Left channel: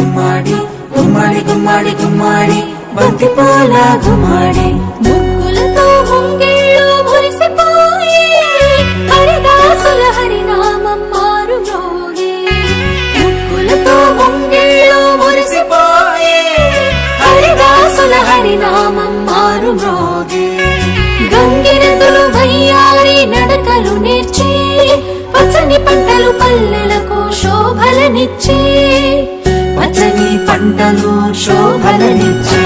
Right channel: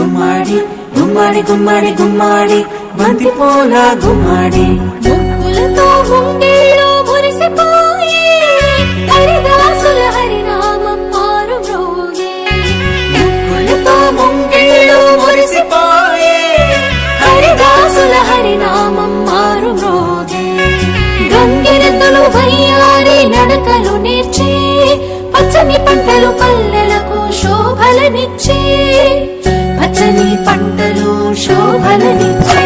గుమ్మాడి గుమ్మాడి గుమ్మాడి గుమ్మాడి బంతి పూల గుమ్మాడి ముగ్గులతో ముంగిళ్ళు మురిసిపోయే హరిదాసుల హరినామం మారు మ్రోగే ముగ్గులతో ముంగిళ్ళు మురిసిపోయే హరిదాసుల హరినామం మారు మ్రోగే గంగిరెద్దులు వయ్యారి నడకలు నేర్చే పచ్చని పంటలు పల్లెలకు శోభలనిచ్చే పచ్చని పంటలు శోభలనిచ్చే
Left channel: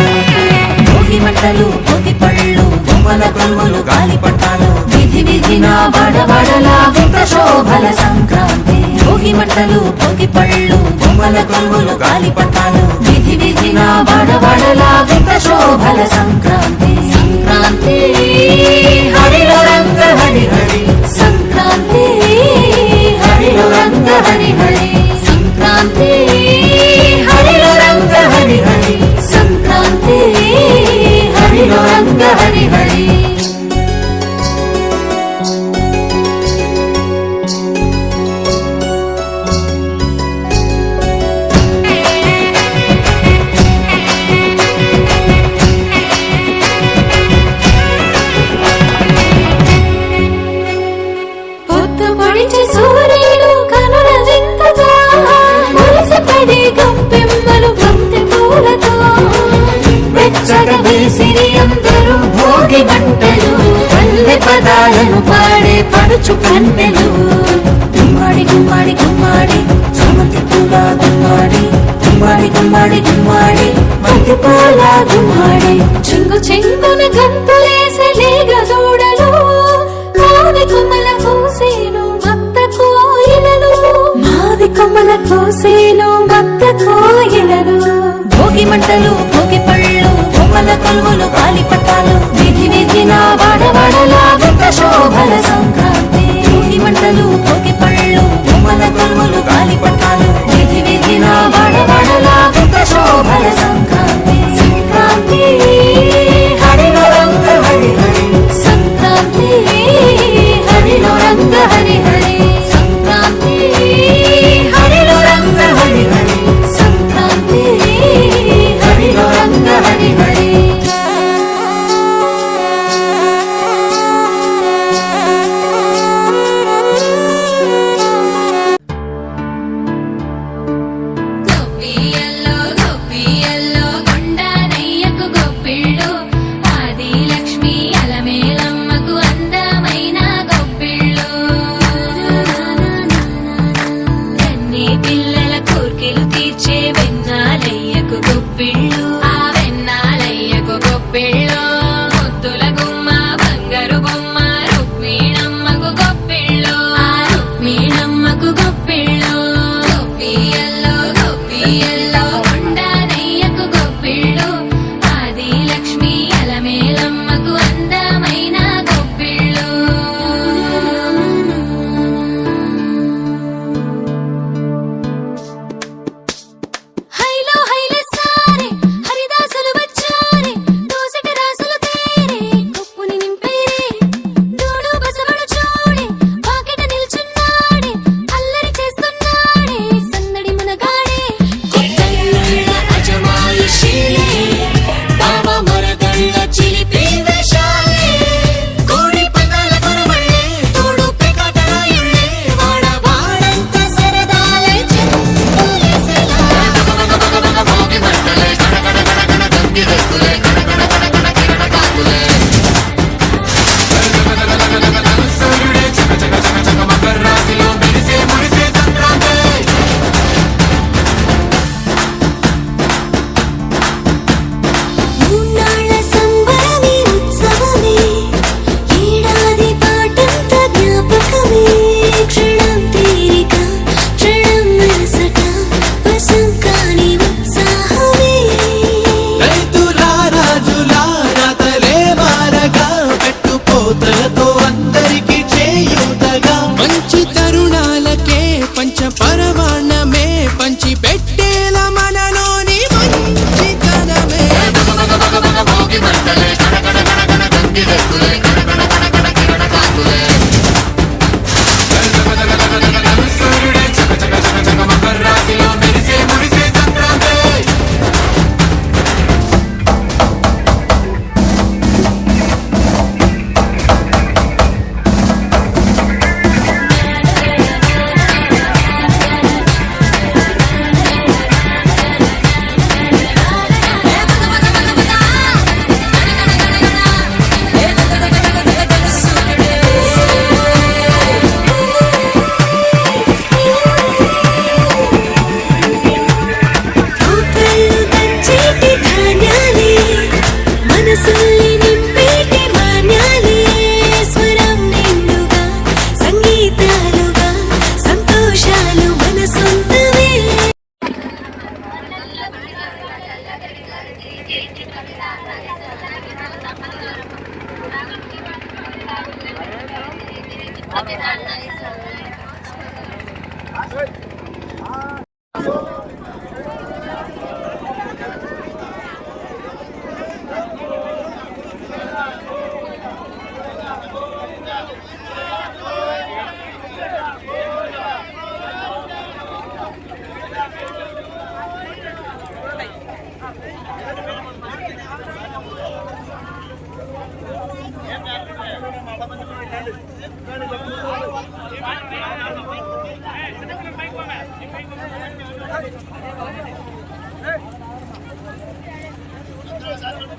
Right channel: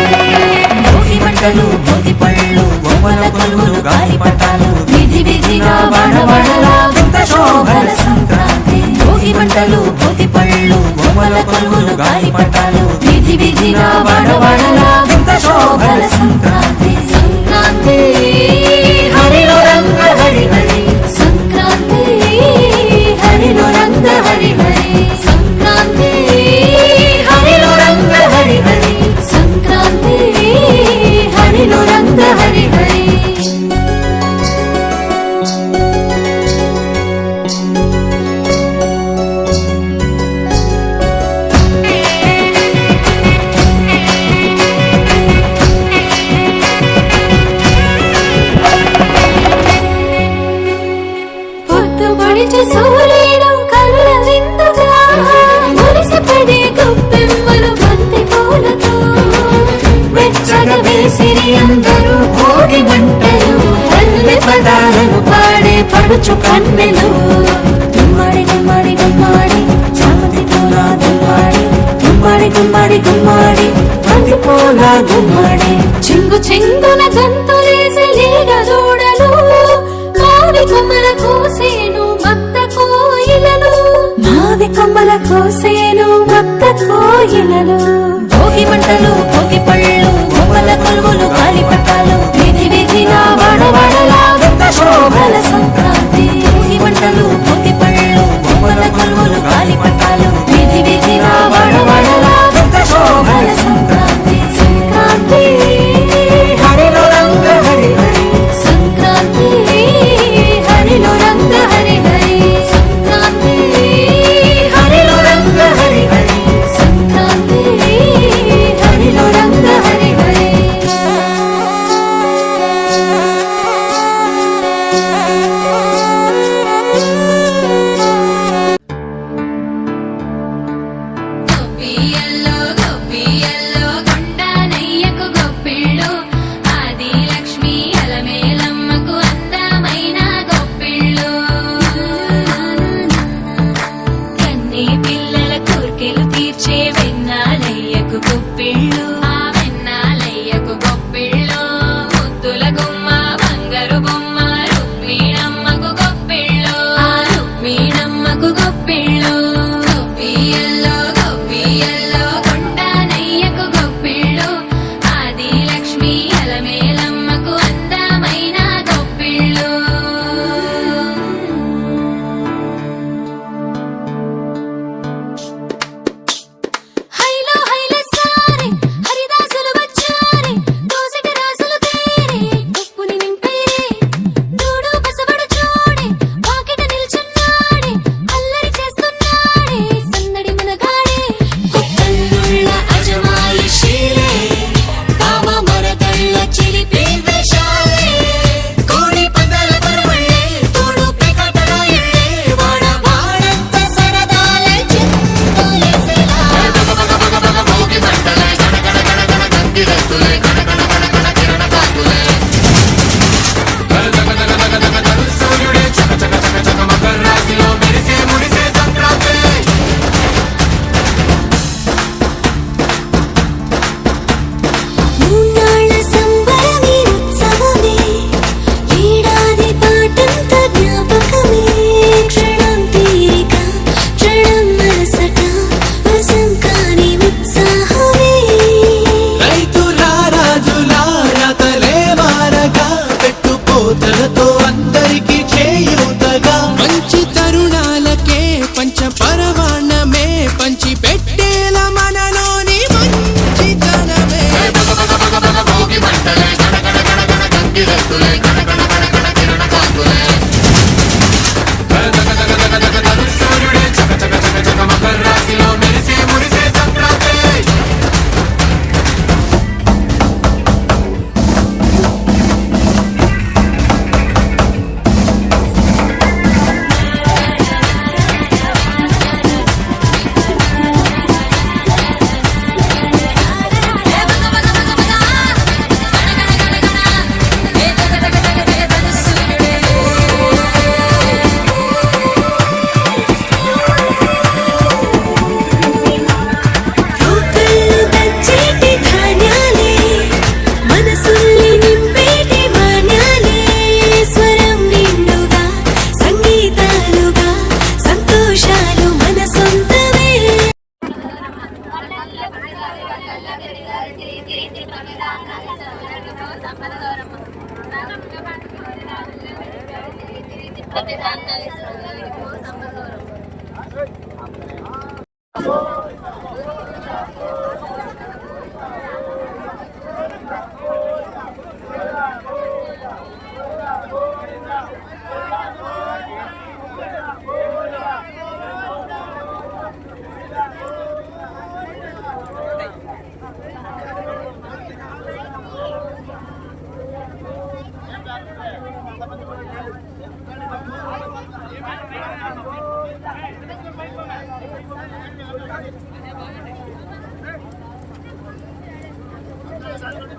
భోగి మంటలు భోగి పళ్ళు బొమ్మల కొలువులు గాలిపటాలు విధి విధిన వాడవాడలా వింత శోభల సంక్రాంతి భోగి మంటలు భోగి పళ్ళు బొమ్మల కొలువులు గాలిపటాలు విధి విధిన వాడవాడలా వింత శోభల సంక్రాంతి సంక్రాంతి హరిలో రంగ హరి హరి సంక్రాంతి హరిలో రంగ హరి హరి సంక్రాంతి హరిలో రంగ హరి హరి సంక్రాంతి హరిలో రంగ హరి హరి పొద్దుపడిచే సూర్యుడు కనుల విందుగా మురిసిపడే గొప్పెమ్మలు బంతి పూలతో వెచ్చగా వేసిరి అందరూ భోగి మంటలు పల్లె పదాలను పాడే పడుచు కన్నెలు గుమ్మాడి గుమ్మాడి గుమ్మాడి బంతి పూల గుమ్మాడి గుమ్మాడి గుమ్మాడి గుమ్మాడి బంతి పూల గుమ్మాడి చెంగు చెంగున గంతులేసే లేగ జోడలు మావి కొమ్మల కోసేను మత్త కోయిలలు మావి కొమ్మల కోసేను మత్త కోయిలలు భోగి మంటలు భోగి పళ్ళు బొమ్మల కొలువులు గాలిపటాలు విధి విధిన వాడవాడలా వింత శోభల సంక్రాంతి భోగి మంటలు భోగి పళ్ళు బొమ్మల కొలువులు గాలిపటాలు విధి విధిన వాడవాడలా వింత శోభల సంక్రాంతి సంక్రాంతి హరిలో రంగ హరి హరి సంక్రాంతి హరిలో రంగ హరి హరి సంక్రాంతి హరిలో రంగ హరి హరి సంక్రాంతి హరిలో రంగ హరి హరి గొప్పియల్లో గొప్పియల్లో కొండనయ్యకు గొప్పిళ్ళు ఆది లక్ష్మి అలమేలమ్మకు అందమైన గొప్పిళ్ళు కన్ని పిల్లల కోర్కెలు తీర్చే వెన్నాలయ్యకు గొప్పిళ్ళు ఆ వెన్నాలయ్యకు గొప్పిళ్ళు ముద్దుల గుమ్మ బంగారు బొమ్మ రుక్మిణమ్మకు గొప్పిళ్ళు ఆ రుక్మిణమ్మకు గొప్పిళ్ళు గొప్పియల్లో గొప్పియల్లో కొండనయ్యకు గొప్పిళ్ళు ఆది లక్ష్మి అలమేలమ్మకు అందమైన గొప్పిళ్ళు హైలో హైల సారే హరిదాసులు వచ్చారే దోసటి రాసులు తేరే కొప్పుని నింపేరే దూడు బసవడు చూడే పాకెట నిల్చున్నాడే అల్లరి చేస్తున్నాడే సందడి మనగాడే కొత్తన్నుళ్ళ అజమాయిషీలే బావ మరదళ్ళ చిలిపి వేషాలే కోడి పందాల పరమళ్ళే తోడు పెకటరాయళ్ళే వాడ వాడంత సరదాలే చెందులేసేలా భోగి మంటలే కడకడ కడకడ గంగిరెద్దులే కడకడ కడకడ కిరణ కాకులే సూర్యుడే చక చక చక చక మకర రాశిలో మెరిసే మురిసే సంక్రాంతి మూన్నాళ్ళ సంబరమే ఉత్సవమే ఏడాది పాటంత జ్ఞాపకమే క్షణం తీరిక క్షణం మరసట వశం కాని ఉత్సాహమే రైతుల రాజుల రాతలే మారగా పెట్టుపోతలతో అందరికి చేయూతగా మంచి తరుణాలకే పంచ పరవాణమే పంచి పెట్టేల మనలోని మంచితనమే భోగి మంటలే కడకడ కడకడ గంగిరెద్దులే కడకడ కడకడ కిరణ కాకులే సూర్యుడే చక చక చక చక మకర రాశిలో మెరిసే మురిసే సంక్రాంతి అందరూ